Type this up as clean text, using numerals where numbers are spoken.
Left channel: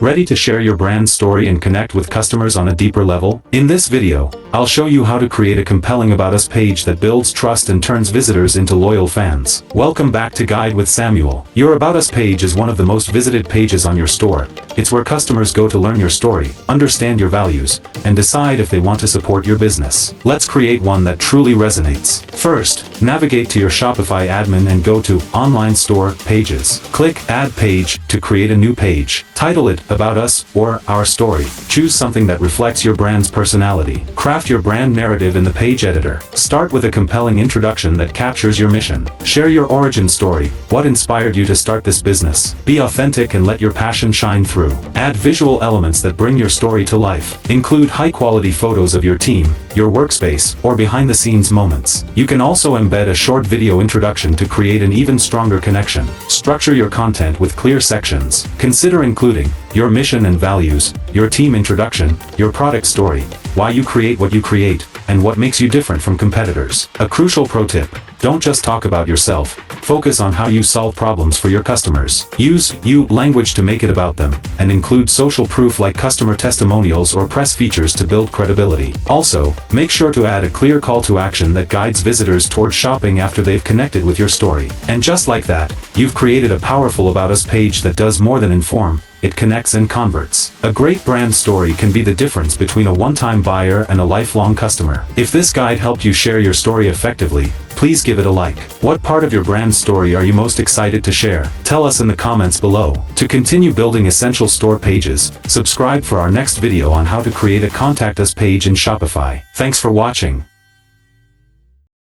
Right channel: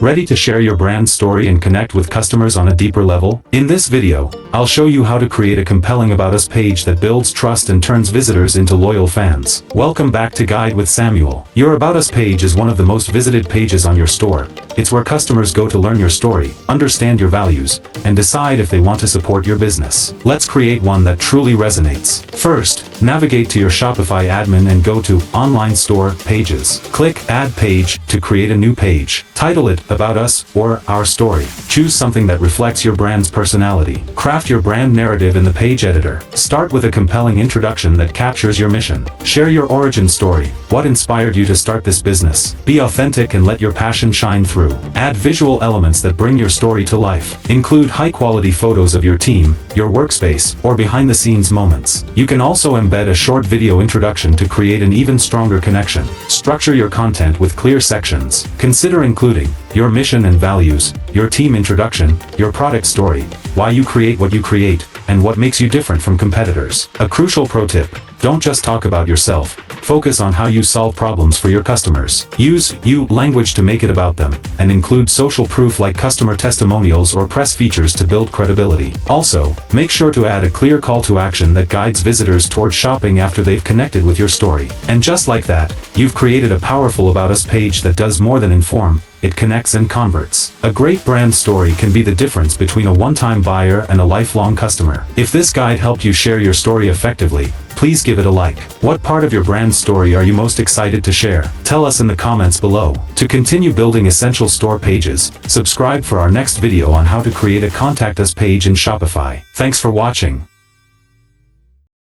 Ready to share your brand story and connect with customers on a deeper level? In this video, I'll show you how to create a compelling About Us page that builds trust and turns visitors into loyal fans. Welcome back to Guide with Samuel. Your About Us page is one of the most visited pages on your store. It's where customers go to learn your story, understand your values, and decide if they want to support your business. Let's create one that truly resonates. First, navigate to your Shopify admin and go to Online Store Pages. Click Add Page to create a new page. Title it About Us or Our Story. Choose something that reflects your brand's personality. Craft your brand narrative in the page editor. Start with a compelling introduction that captures your mission. Share your origin story. What inspired you to start this business? Be authentic and let your passion shine through. Add visual elements that bring your story to life. Include high-quality photos of your team, your workspace, or behind-the-scenes moments. You can also embed a short video introduction to create an even stronger connection. Structure your content with clear sections. Consider including your mission and values, your team introduction, your product story, why you create what you create, and what makes you different from competitors. A crucial pro tip: don't just talk about yourself. Focus on how you solve problems for your customers. Use you language to make it about them, and include social proof like customer testimonials or press features to build credibility. Also, make sure to add a clear call to action that guides visitors towards shopping after they've connected with your story. And just like that, you've created a powerful About Us page that does more than inform. It connects and converts. A great brand story can be the difference between a one-time buyer and a lifelong customer. If this guide helped you share your story effectively, please give it a like. What part of your brand story are you most excited to share? Tell us in the comments below. To continue building essential store pages, subscribe for our next video on how to create a Contact Us page in Shopify. Thanks for watching.